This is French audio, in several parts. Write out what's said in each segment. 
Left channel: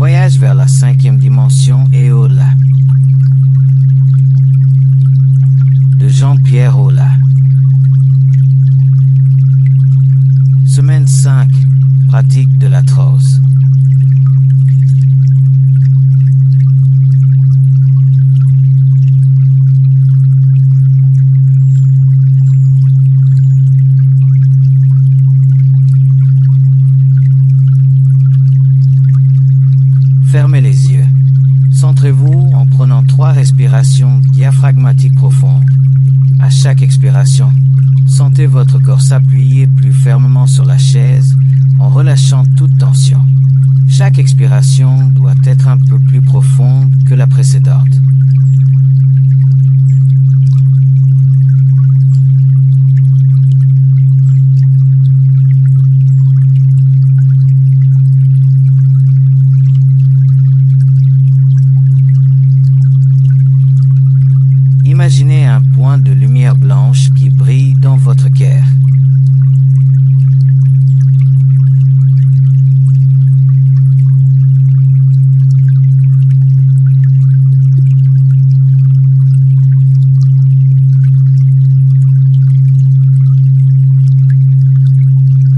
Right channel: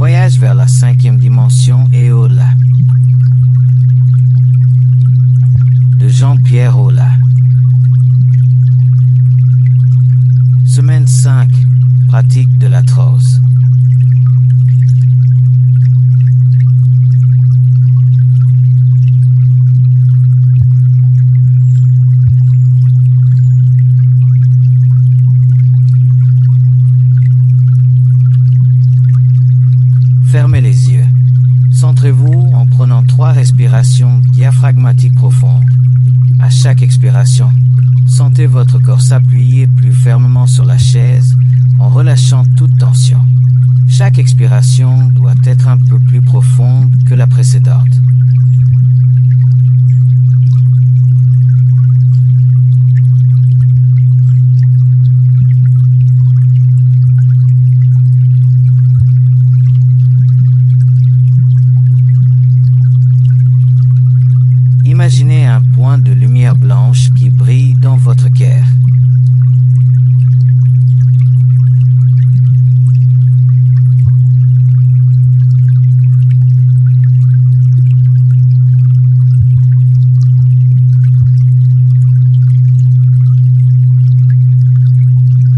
Voyage vers la 5e dimension et au-delà. De Jean-Pierre Aulas. Semaine 5. Pratique de l'arthrose. Fermez les yeux. Centrez-vous en prenant 3 respirations diaphragmatiques profondes. À chaque expiration, sentez votre corps s'appuyer plus fermement sur la chaise en relâchant toute tension. Chaque expiration doit être un peu plus profonde que la précédente. Imaginez un point de lumière blanche qui brille dans votre cœur.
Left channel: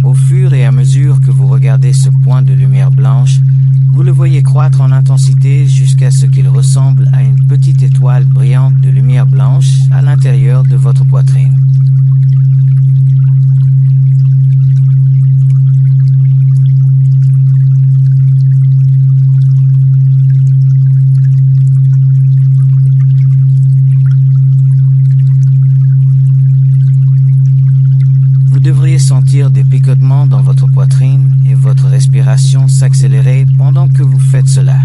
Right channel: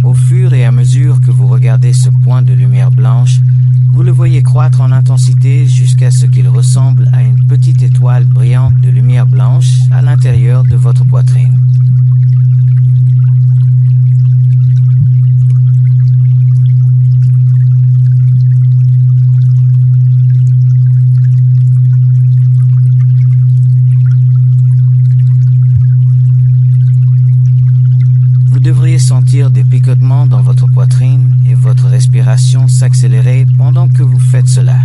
Au fur et à mesure que vous regardez ce point de lumière blanche, vous le voyez croître en intensité jusqu'à ce qu'il ressemble à une petite étoile brillante de lumière blanche à l'intérieur de votre poitrine. Vous devriez sentir des picotements dans votre poitrine et votre respiration s'accélérer pendant que vous faites cela.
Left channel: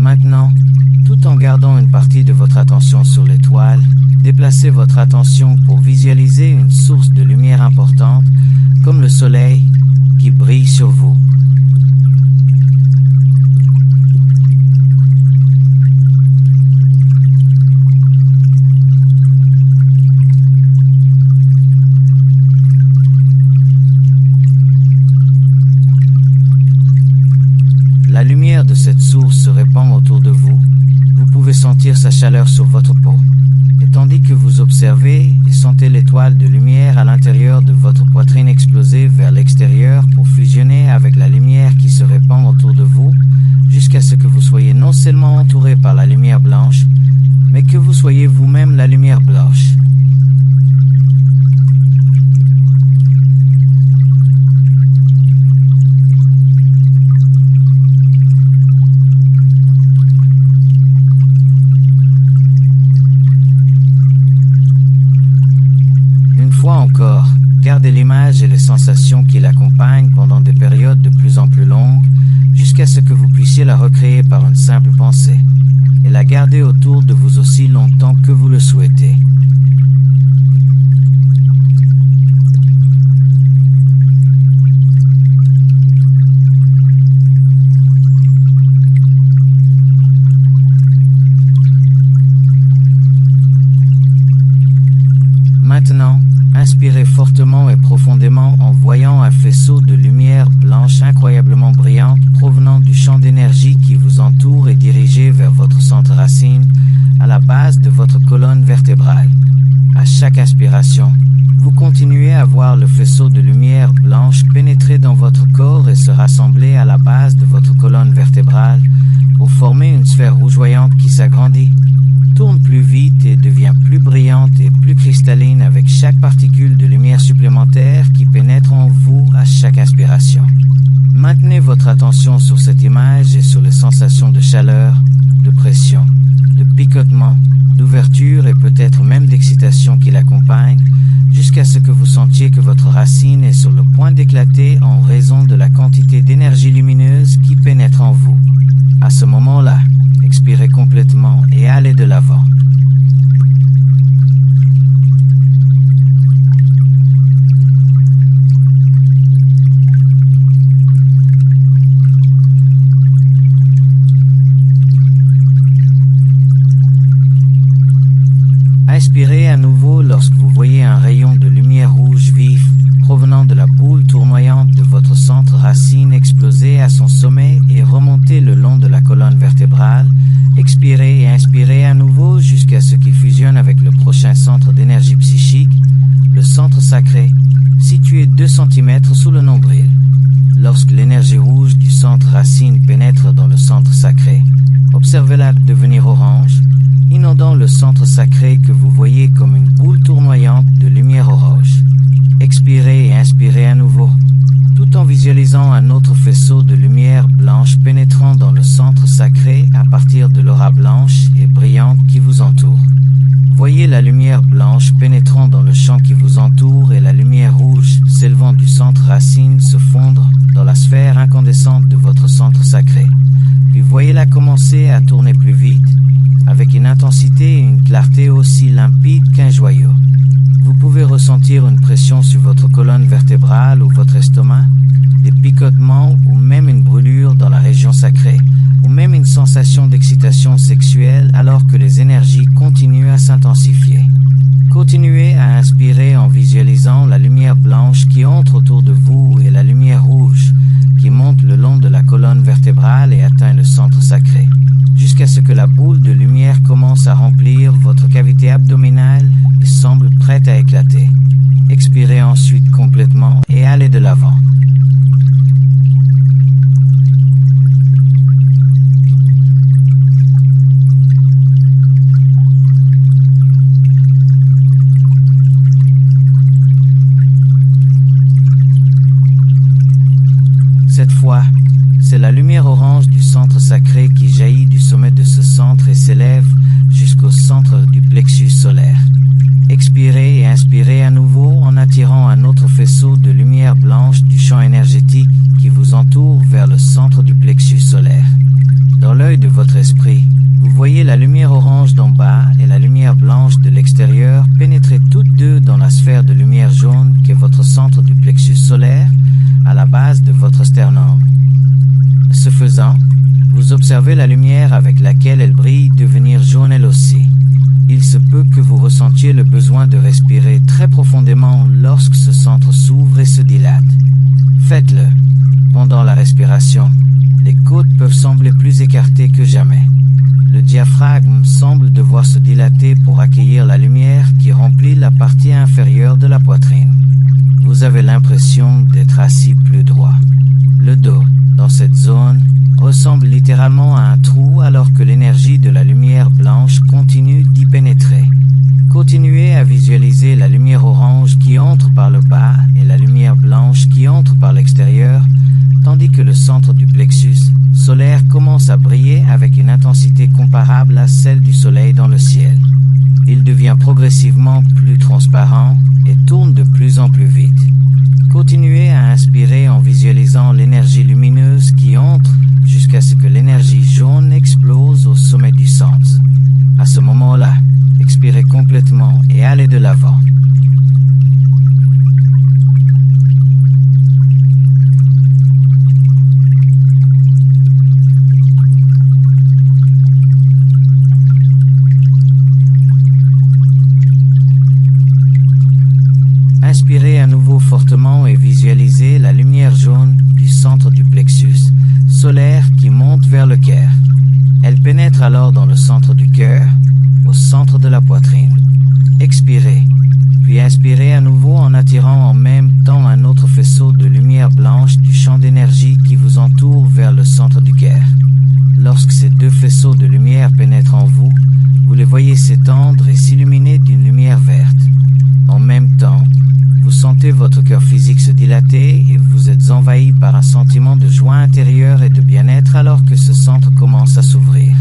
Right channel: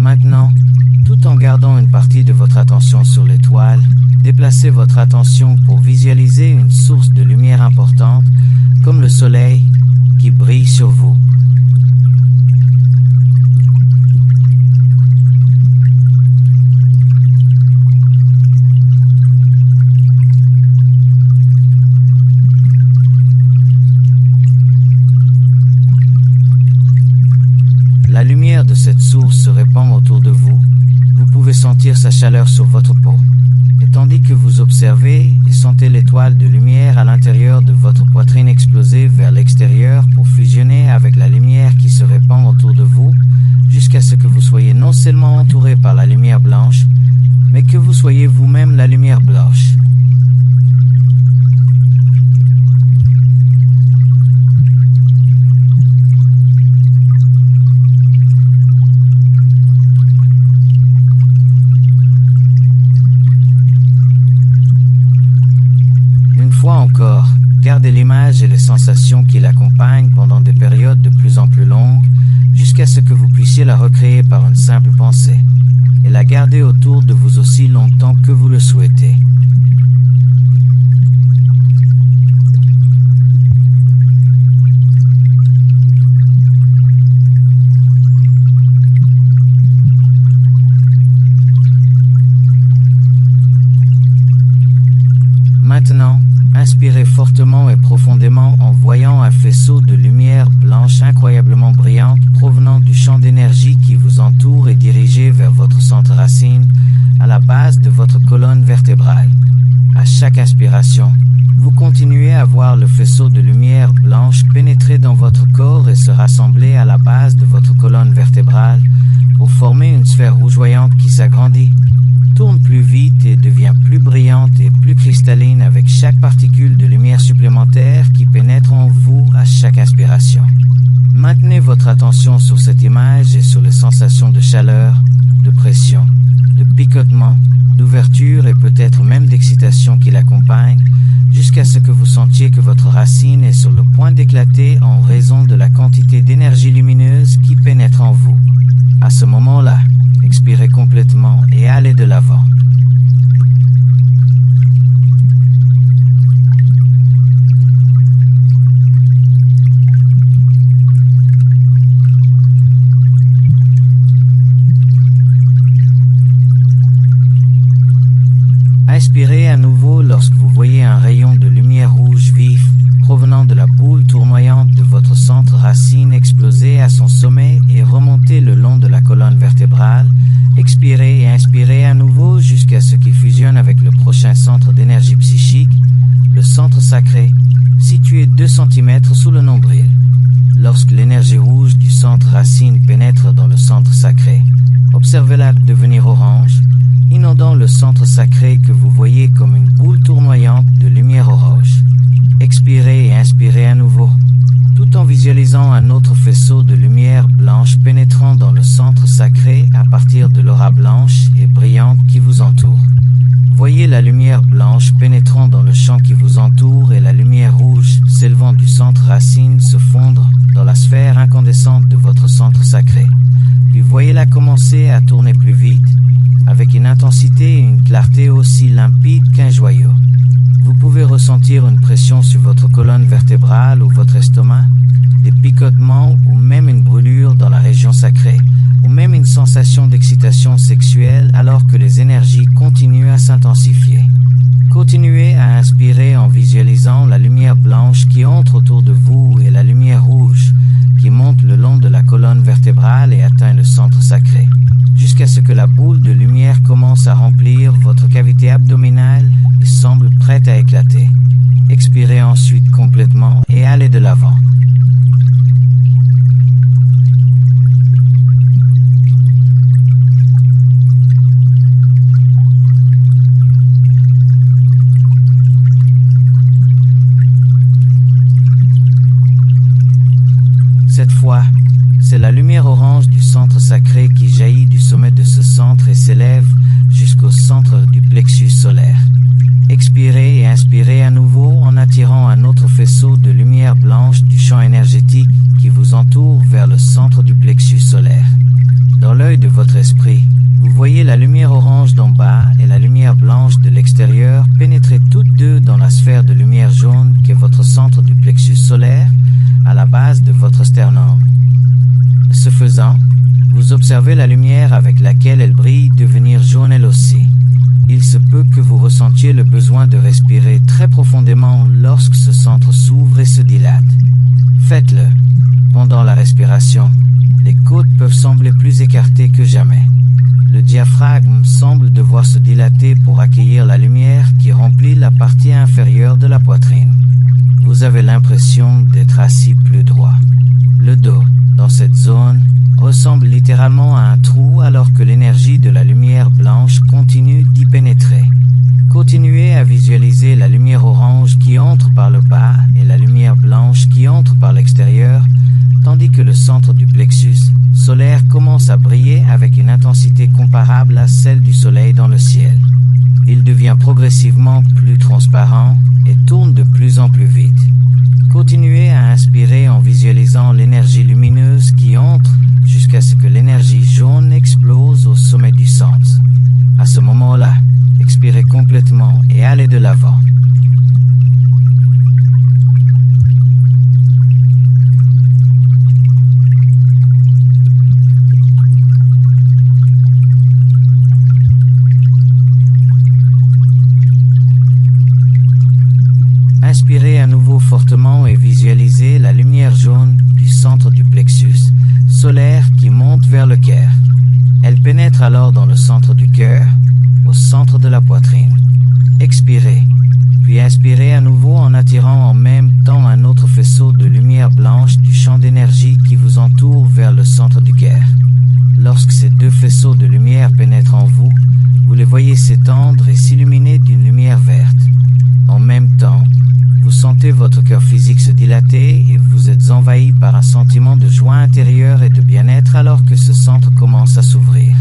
Maintenant, tout en gardant une partie de votre attention sur l'étoile, déplacez votre attention pour visualiser une source de lumière importante, comme le soleil, qui brille sur vous. La lumière de cette source se répand autour de vous. Vous pouvez sentir sa chaleur sur votre peau. Et tandis que vous observez et sentez l'étoile de lumière à l'intérieur de votre poitrine exploser vers l'extérieur pour fusionner avec la lumière qui se répand autour de vous, jusqu'à ce que vous soyez non seulement entouré par la lumière blanche, mais que vous soyez vous-même la lumière blanche. Une fois encore, gardez l'image et les sensations qui l'accompagnent pendant des périodes de plus en plus longues, jusqu'à ce que vous puissiez la recréer par une simple pensée, et la garder autour de vous aussi longtemps que vous le souhaitez. Maintenant, inspirez fortement et profondément en voyant un faisceau de lumière blanche incroyablement brillante provenant du champ d'énergie qui vous entoure et dirigé vers votre centre racine, à la base de votre colonne vertébrale. À chaque inspiration, vous continuez à voir le faisceau de lumière blanche pénétrer dans votre corps et se rassembler à la base de votre colonne vertébrale pour former une sphère rougeoyante qui s'agrandit, tourne plus vite et devient plus brillante et plus cristalline avec chaque particule de lumière supplémentaire qui pénètre en vous à chaque inspiration. Maintenez votre attention sur cette image et sur les sensations de chaleur, de pression, de picotement, d'ouverture et peut-être même d'excitation qui l'accompagnent, jusqu'à ce que vous sentiez que votre racine est sur le point d'éclater en raison de la quantité d'énergie lumineuse qui pénètre en vous. À ce moment-là, expirez complètement et allez de l'avant. Inspirez à nouveau lorsque vous voyez un rayon de lumière rouge vif provenant de la boule tournoyante de votre centre racine exploser à son sommet et remonter le long de la colonne vertébrale. Expirez et inspirez à nouveau jusqu'à ce qu'il fusionne avec le prochain centre d'énergie psychique, le centre sacré, situé 2 cm sous le nombril. Lorsque l'énergie rouge du centre racine pénètre dans le centre sacré, observez-la devenir orange, inondant le centre sacré que vous voyez comme une boule tournoyante de lumière orange. Expirez et inspirez à nouveau, tout en visualisant un autre faisceau de lumière blanche pénétrant dans le centre sacré à partir de l'aura blanche et brillante qui vous entoure. Voyez la lumière blanche pénétrant dans le champ qui vous entoure et la lumière rouge s'élevant du centre racine se fondre dans la sphère incandescente de votre centre sacré. Puis voyez-la commencer à tourner plus vite, avec une intensité et une clarté aussi limpides qu'un joyau. Vous pouvez ressentir une pression sur votre colonne vertébrale ou votre estomac, des picotements ou même une brûlure dans la région sacrée, ou même une sensation d'excitation sexuelle alors que les énergies continuent à s'intensifier. Continuez à inspirer en visualisant la lumière blanche qui entre autour de vous et la lumière rouge qui monte le long de la colonne vertébrale et atteint le centre sacré, jusqu'à ce que la boule de lumière commence à remplir votre cavité abdominale et semble prête à éclater. Expirez ensuite complètement et allez de l'avant. Cette fois, c'est la lumière orange du centre sacré qui jaillit du sommet de ce centre et s'élève jusqu'au centre du plexus solaire. Expirez et inspirez à nouveau en attirant un autre faisceau de lumière blanche du champ énergétique qui vous entoure vers le centre du plexus solaire. Dans l'œil de votre esprit, vous voyez la lumière orange d'en bas et la lumière blanche de l'extérieur pénétrer toutes deux dans la sphère de lumière jaune qui est votre centre du plexus solaire à la base de votre sternum. Ce faisant, vous observez la lumière avec laquelle elle brille devenir jaune elle aussi. Il se peut que vous ressentiez le besoin de respirer très profondément lorsque ce centre s'ouvre et se dilate. Faites-le. Pendant la respiration, les côtes peuvent sembler plus écartées que jamais. Le diaphragme semble devoir se dilater pour accueillir la lumière qui remplit la partie inférieure de la poitrine. Vous avez l'impression d'être assis plus droit. Le dos, dans cette zone, ressemble littéralement à un trou alors que l'énergie de la lumière blanche continue d'y pénétrer. Continuez à visualiser la lumière orange qui entre par le bas et la lumière blanche qui entre par l'extérieur, tandis que le centre du plexus solaire commence à briller avec une intensité comparable à celle du soleil dans le ciel. Il devient progressivement plus transparent et tourne de plus en plus vite. Continuez à inspirer en visualisant l'énergie lumineuse qui entre jusqu'à ce que l'énergie jaune explose au sommet du centre. À ce moment-là, expirez complètement et allez de l'avant. Inspirez à nouveau fortement et visualisez la lumière jaune du centre du plexus solaire qui monte vers le cœur. Elle pénètre alors dans le centre du cœur, au centre de la poitrine. Expirez, puis inspirez à nouveau en attirant en même temps un autre faisceau de lumière blanche du champ d'énergie qui vous entoure vers le centre du cœur. Lorsque ces deux faisceaux de lumière pénètrent en vous, vous les voyez s'étendre et s'illuminer d'une lumière verte. En même temps, Vous sentez votre cœur physique se dilater et vous êtes envahi par un sentiment de joie intérieure et de bien-être alors que ce centre commence à s'ouvrir.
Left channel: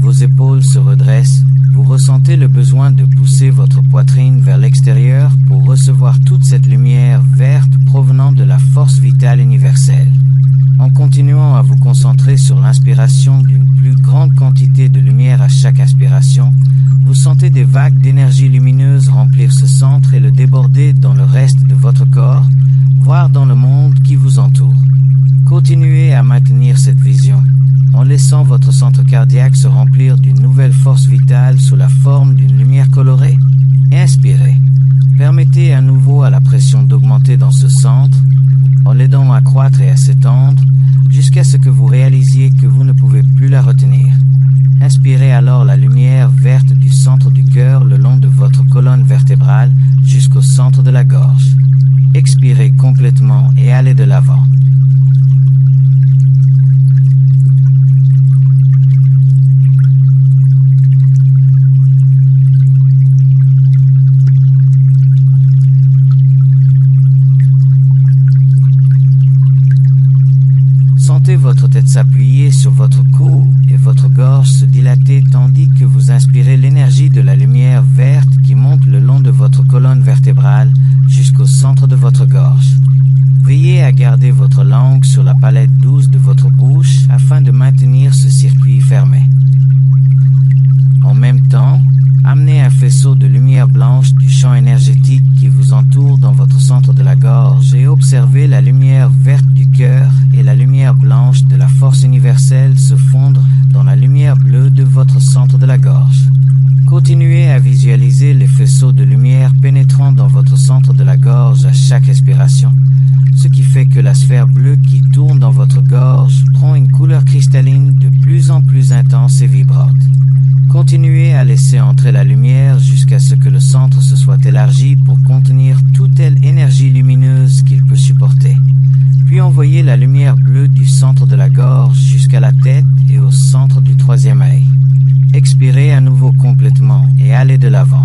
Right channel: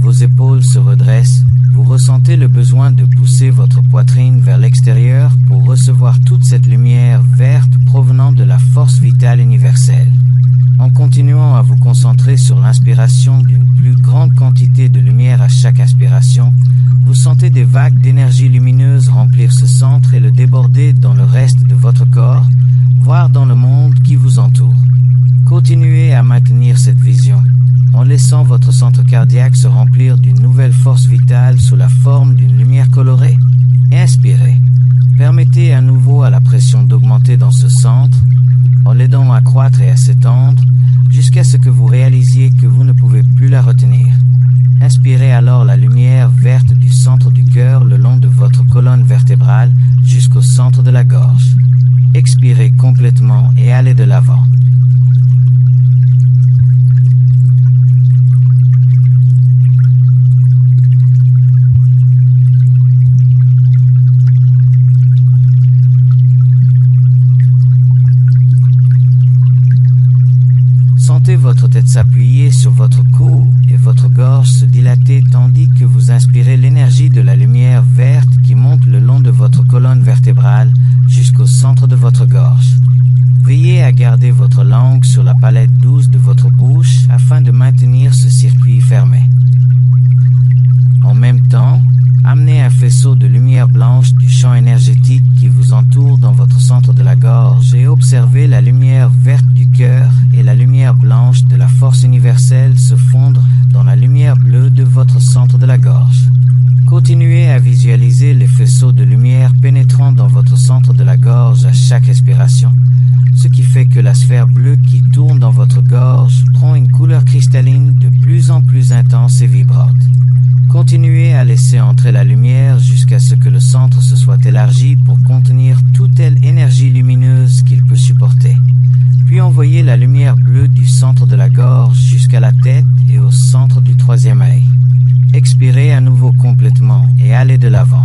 Vos épaules se redressent, vous ressentez le besoin de pousser votre poitrine vers l'extérieur pour recevoir toute cette lumière verte provenant de la force vitale universelle. En continuant à vous concentrer sur l'inspiration d'une plus grande quantité de lumière à chaque inspiration, vous sentez des vagues d'énergie lumineuse remplir ce centre et le déborder dans le reste de votre corps, voire dans le monde qui vous entoure. Continuez à maintenir cette vision, en laissant votre centre cardiaque se remplir d'une nouvelle force vitale sous la forme d'une lumière colorée. Inspirez. Permettez à nouveau à la pression d'augmenter dans ce centre, en l'aidant à croître et à s'étendre, jusqu'à ce que vous réalisiez que vous ne pouvez plus la retenir. Inspirez alors la lumière verte du centre du cœur le long de votre colonne vertébrale jusqu'au centre de la gorge. Expirez complètement et allez de l'avant. Sentez votre tête s'appuyer sur votre cou et votre gorge se dilater tandis que vous inspirez l'énergie de la lumière verte qui monte le long de votre colonne vertébrale jusqu'au centre de votre gorge. Veillez à garder votre langue sur la palette douce de votre bouche afin de maintenir ce circuit fermé. En même temps, amenez un faisceau de lumière blanche du champ énergétique qui vous entoure dans votre centre de la gorge et observez la lumière verte du cœur et la lumière blanche de la force universelle se fondre dans la lumière bleue de votre centre de la gorge. Continuez à visualiser les faisceaux de lumière pénétrant dans votre centre de la gorge à chaque expiration, ce qui fait que la sphère bleue qui tourne dans votre gorge prend une couleur cristalline de plus en plus intense et vibrante. Continuez à laisser entrer la lumière jusqu'à ce que le centre se soit élargi pour contenir toute telle énergie lumineuse qu'il peut supporter. Puis envoyez la lumière bleue du centre de la gorge jusqu'à la tête et au centre du troisième œil. Expirez à nouveau complètement et allez de l'avant.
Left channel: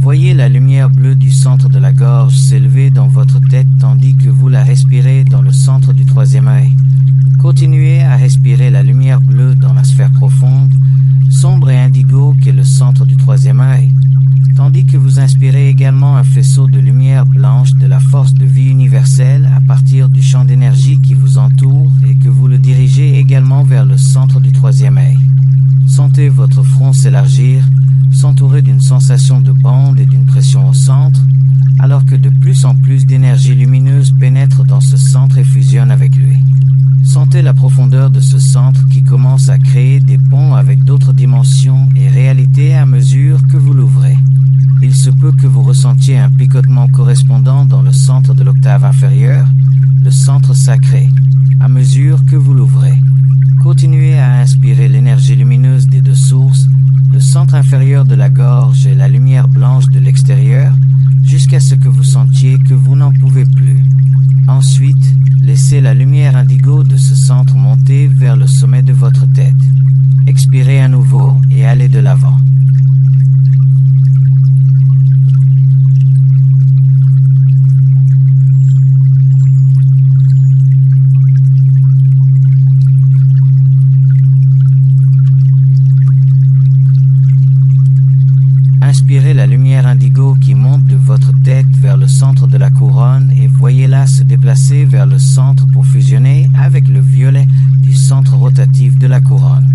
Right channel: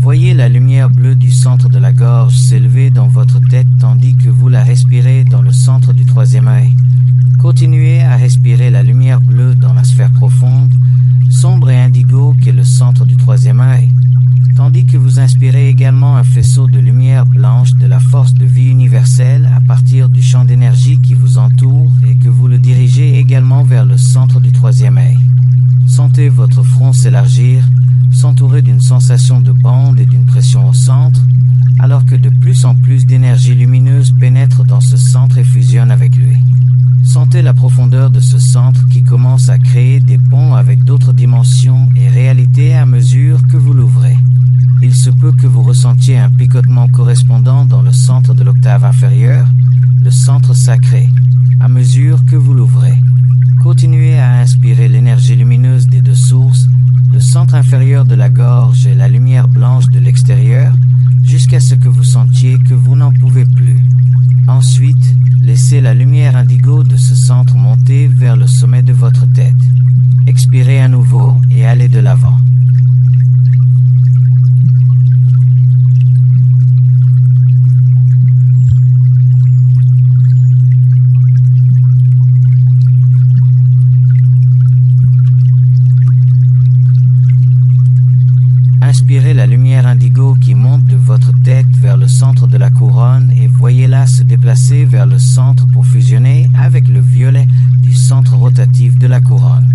Voyez la lumière bleue du centre de la gorge s'élever dans votre tête tandis que vous la respirez dans le centre du troisième œil. Continuez à respirer la lumière bleue dans la sphère profonde, sombre et indigo qu'est le centre du troisième œil, tandis que vous inspirez également un faisceau de lumière blanche de la force de vie universelle à partir du champ d'énergie qui vous entoure et que vous le dirigez également vers le centre du troisième œil. Sentez votre front s'élargir, s'entourer d'une sensation de bande et d'une pression au centre, alors que de plus en plus d'énergie lumineuse pénètre dans ce centre et fusionne avec lui. Sentez la profondeur de ce centre qui commence à créer des ponts avec d'autres dimensions et réalités à mesure que vous l'ouvrez. Il se peut que vous ressentiez un picotement correspondant dans le centre de l'octave inférieure, le centre sacré, à mesure que vous l'ouvrez. Continuez à inspirer l'énergie lumineuse des deux sources, le centre inférieur de la gorge et la lumière blanche de l'extérieur, jusqu'à ce que vous sentiez que vous n'en pouvez plus. Ensuite, laissez la lumière indigo de ce centre monter vers le sommet de votre tête. Expirez à nouveau et allez de l'avant. Inspirez la lumière indigo qui monte de votre tête vers le centre de la couronne et voyez-la se déplacer vers le centre pour fusionner avec le violet du centre rotatif de la couronne.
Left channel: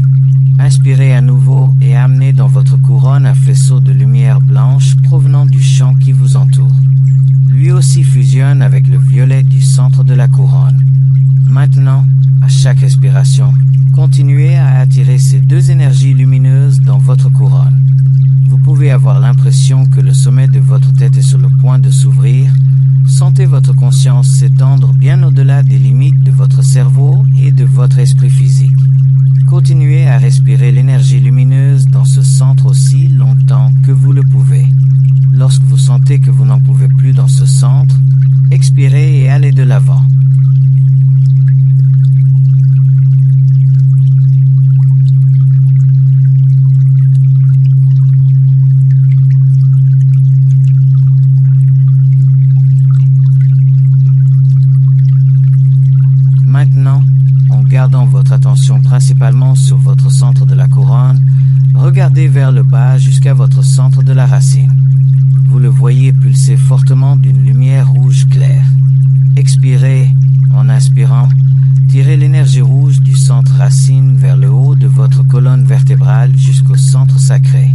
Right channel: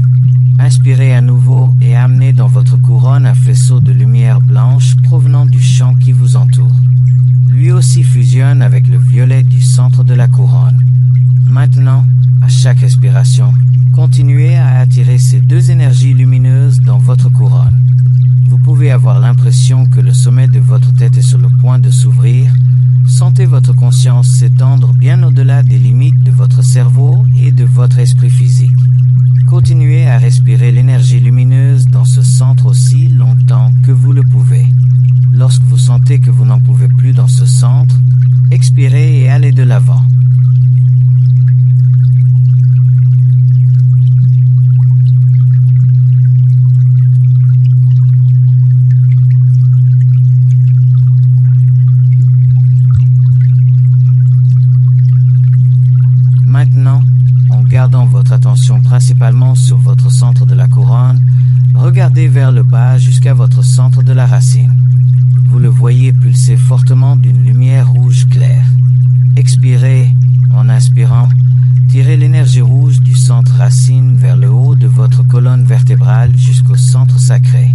Inspirez à nouveau et amenez dans votre couronne un faisceau de lumière blanche provenant du champ qui vous entoure. Lui aussi fusionne avec le violet du centre de la couronne. Maintenant, à chaque expiration, continuez à attirer ces deux énergies lumineuses dans votre couronne. Vous pouvez avoir l'impression que le sommet de votre tête est sur le point de s'ouvrir. Sentez votre conscience s'étendre bien au-delà des limites de votre cerveau et de votre esprit physique. Continuez à respirer l'énergie lumineuse dans ce centre aussi longtemps que vous le pouvez. Lorsque vous sentez que vous n'en pouvez plus dans ce centre, expirez et allez de l'avant. Maintenant, en gardant votre attention principalement sur votre centre de la couronne, regardez vers le bas jusqu'à votre centre de la racine. Vous le voyez pulser fortement d'une lumière rouge claire. Expirez en inspirant. Tirez l'énergie rouge du centre racine vers le haut de votre colonne vertébrale jusqu'au centre sacré.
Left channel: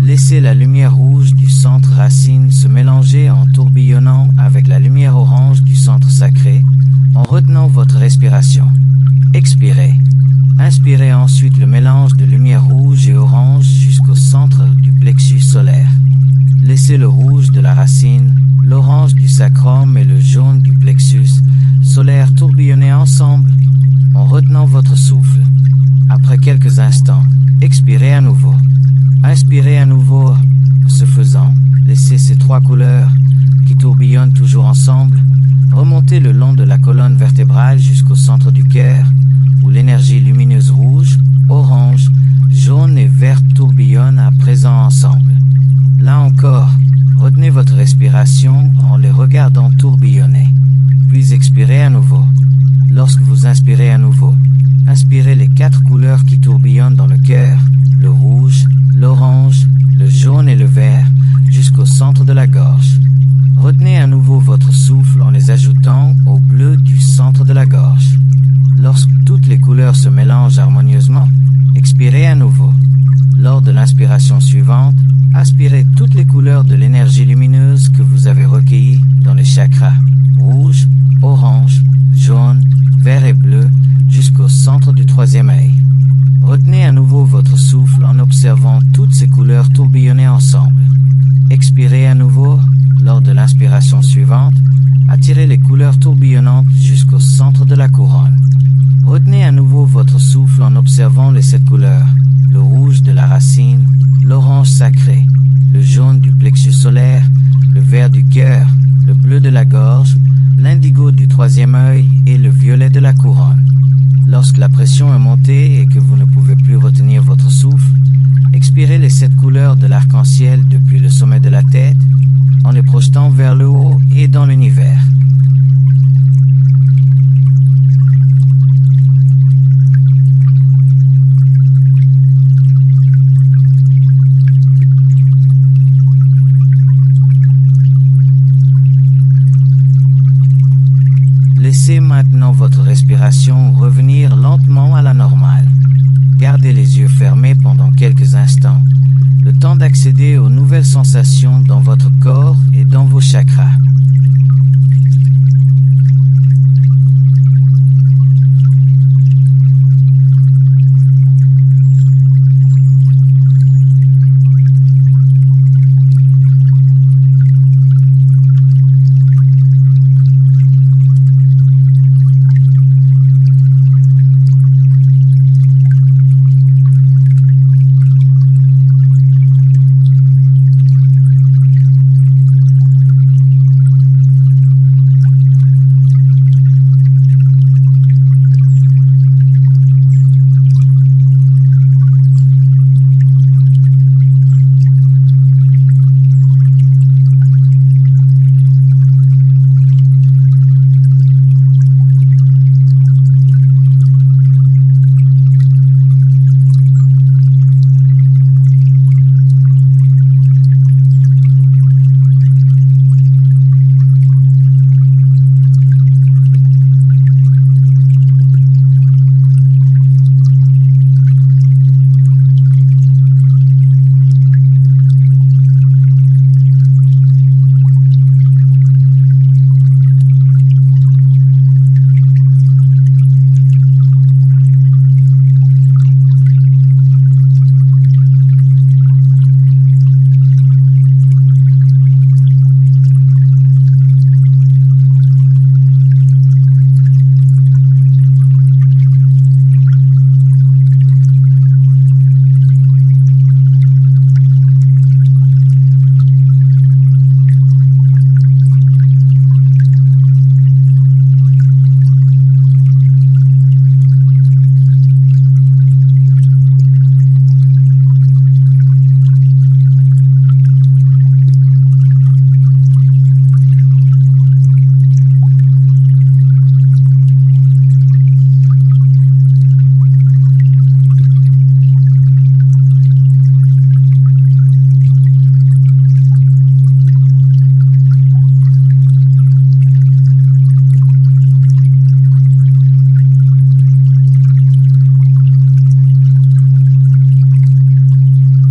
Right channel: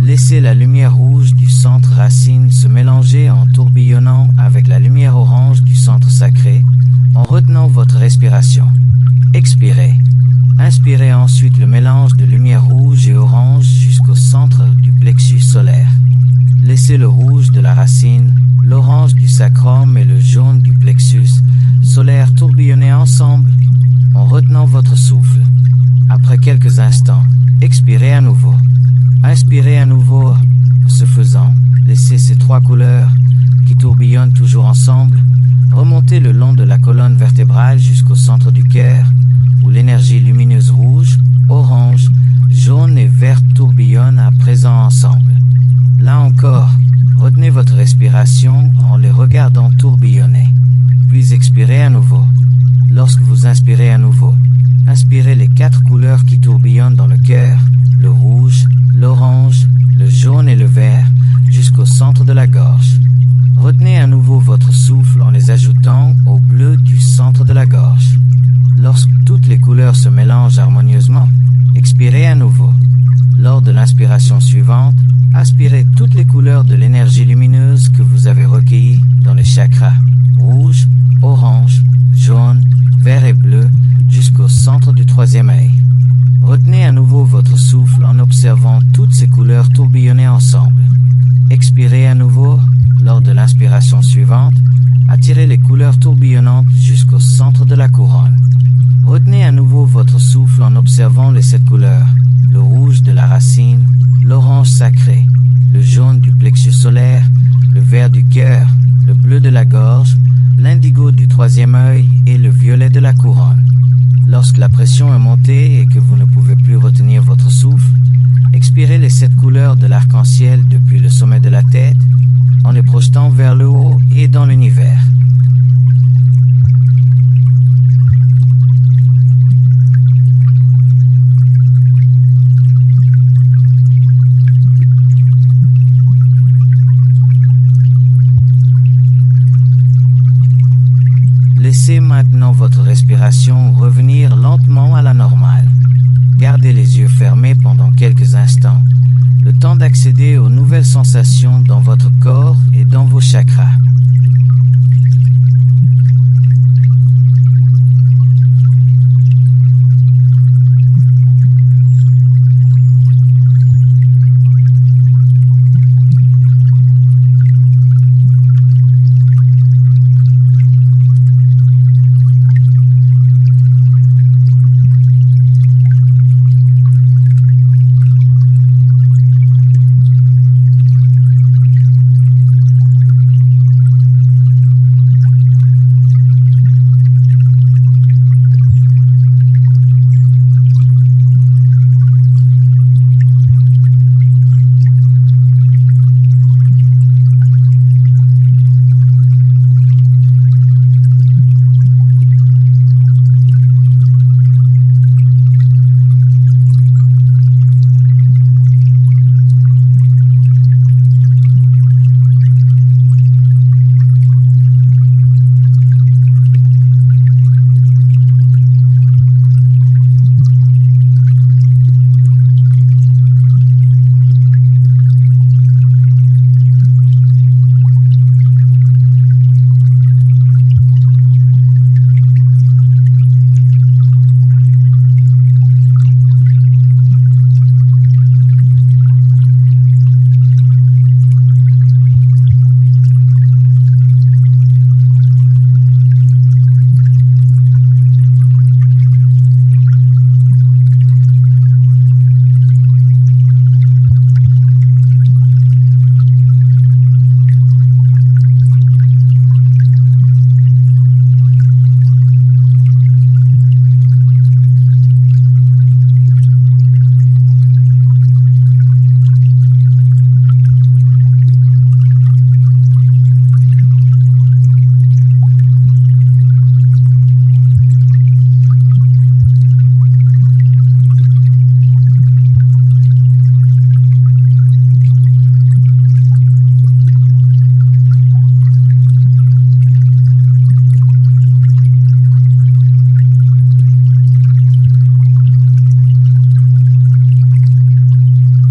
Laissez la lumière rouge du centre racine se mélanger en tourbillonnant avec la lumière orange du centre sacré en retenant votre respiration. Expirez. Inspirez ensuite le mélange de lumière rouge et orange jusqu'au centre du plexus solaire. Laissez le rouge de la racine, l'orange du sacrum et le jaune du plexus solaire tourbillonner ensemble en retenant votre souffle. Après quelques instants, expirez à nouveau. Inspirez à nouveau. Ce faisant, laissez ces trois couleurs qui tourbillonnent toujours ensemble remonter le long de la colonne vertébrale jusqu'au centre du cœur où l'énergie lumineuse rouge, orange, jaune et verte tourbillonnent à présent ensemble. Là encore, retenez votre respiration en les regardant tourbillonner. Puis expirez à nouveau. Lorsque vous inspirez à nouveau, inspirez les quatre couleurs qui tourbillonnent dans le cœur, le rouge, l'orange, le jaune et le vert, jusqu'au centre de la gorge. Retenez à nouveau votre souffle en les ajoutant au bleu du centre de la gorge. Lorsque toutes les couleurs se mélangent harmonieusement, expirez à nouveau. Lors de l'inspiration suivante, aspirez toutes les couleurs de l'énergie lumineuse que vous avez recueillies dans les chakras rouge, orange, jaune, vert et bleu jusqu'au centre du troisième œil. Retenez à nouveau votre souffle en observant toutes ces couleurs tourbillonner ensemble. Expirez à nouveau. Lors de l'inspiration suivante, attirez les couleurs tourbillonnantes jusqu'au centre de la couronne. Retenez à nouveau votre souffle en observant les 7 couleurs, le rouge de la racine, l'orange sacré, le jaune du plexus solaire, le vert du cœur, le bleu de la gorge, l'indigo du troisième œil et le violet de la couronne. Lorsque la pression est montée et que vous ne pouvez plus retenir votre souffle, expirez les 7 couleurs de l'arc-en-ciel depuis le sommet de la tête en les projetant vers le haut et dans l'univers. Laissez maintenant votre respiration revenir lentement à la normale. Gardez les yeux fermés pendant quelques instants, le temps d'accéder aux nouvelles sensations dans votre corps et dans vos chakras.